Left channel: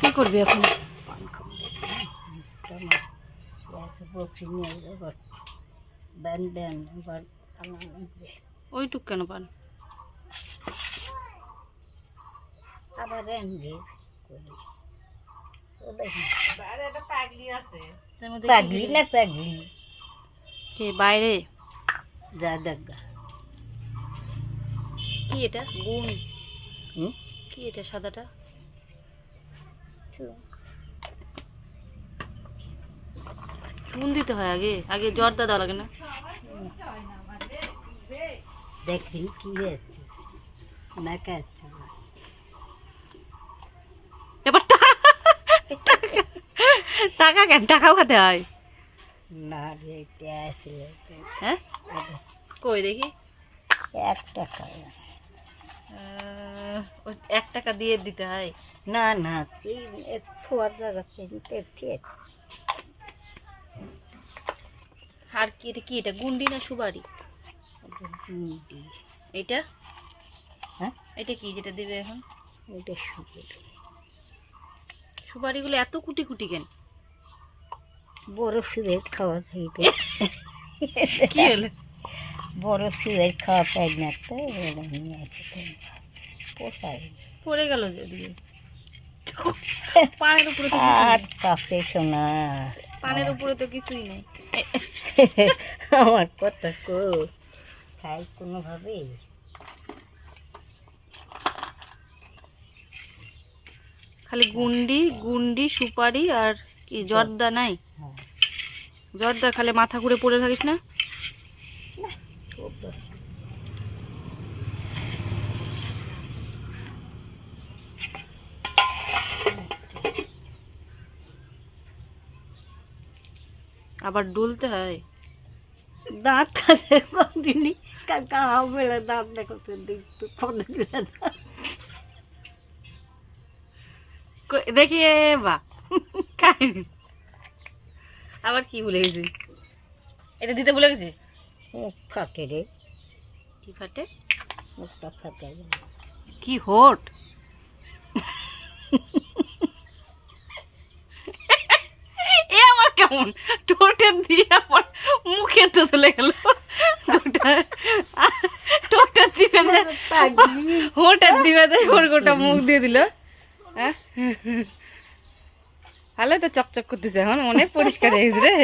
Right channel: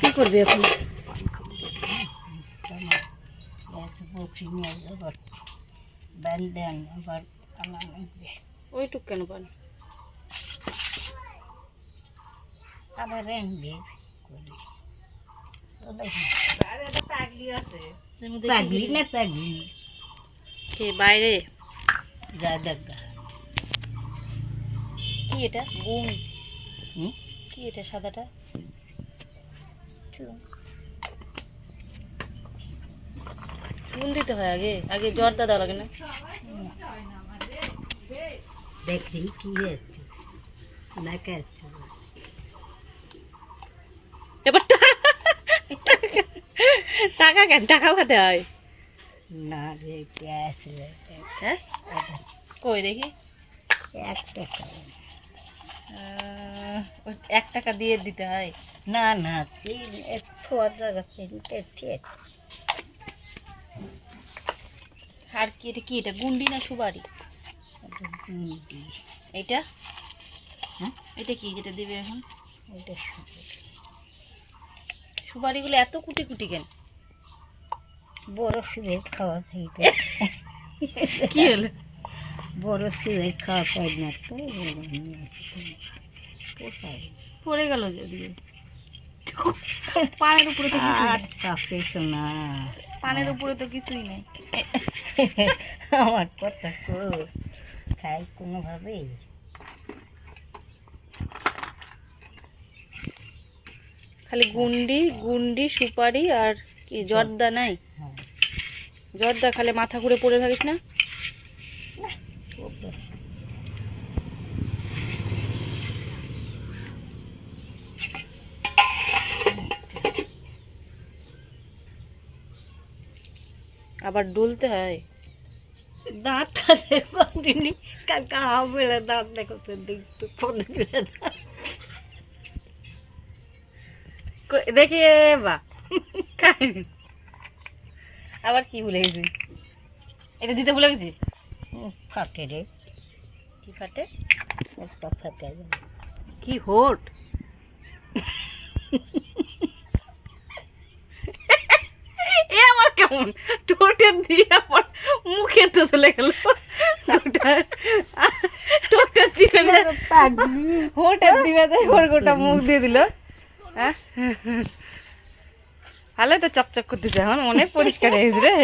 কি করবি এখন? ওইটুক কেন পান? আবার পাগলি না পাগলি কে বাইরে? যা দেখ কি এটা গুণ? কি এটা সাদাটা? চুন দিতে হয় আগে? আগে জর্দা দেওয়া লাগে না? দেখি কি হয়েছে না কে এবার টাকা কেন? টাকাও খেতে হয় না রে গ্যাস হ্যাঁ? কই দেখি 1 টাকা 1 টাকা দিয়ে দিতে হয়? না না খোয়ার জায়গা ঠিক। আর কি এটা? কি এটা গুন্ডি না সুপারি? এটা হ্যাঁ এটা কি যেটা দেবে এখন? এটা সুপারিগুলো এত কুটি কুটি কেন? বড় সিগারেট খাওয়া খাইতে কি হলো? বড় সিগারেট খাওয়া পাই না তো পোষায় পড়ে গেল দিয়ে পানের উপরে তো কিছুই নেই। পাপে শোনা পানের উপরে তো কিছুই নেই। আমার কথা কো খাই কোনোভাবে খালি গুন্ডি গুন্ডি সুপারি আর কি জর্দা নাই? জর্দা খালি মাথা ঘুরে পড়ে থাকিস না? আবার ডুলতে হয়? দাঁত দিনি কাকা বেলা দাঁত দেখো তো দেখি বা খাইনি। আবার কি ভুলে গেছি? এটা দিতে ভুলে গেছি। ফাটে রে কি ফাটে? একটা ফাটে কি হোট? এ আমার কেমন ঠোঁটে দিয়ে আমার মুখে তো চলে গেল। ঠোঁটের দিকে হোটের দিকে গোটা মুখ দিয়ে দিল। ভালো তো চকচক করতেছে, এখন অনেক পরিষ্কার হয়ে গেছে রে।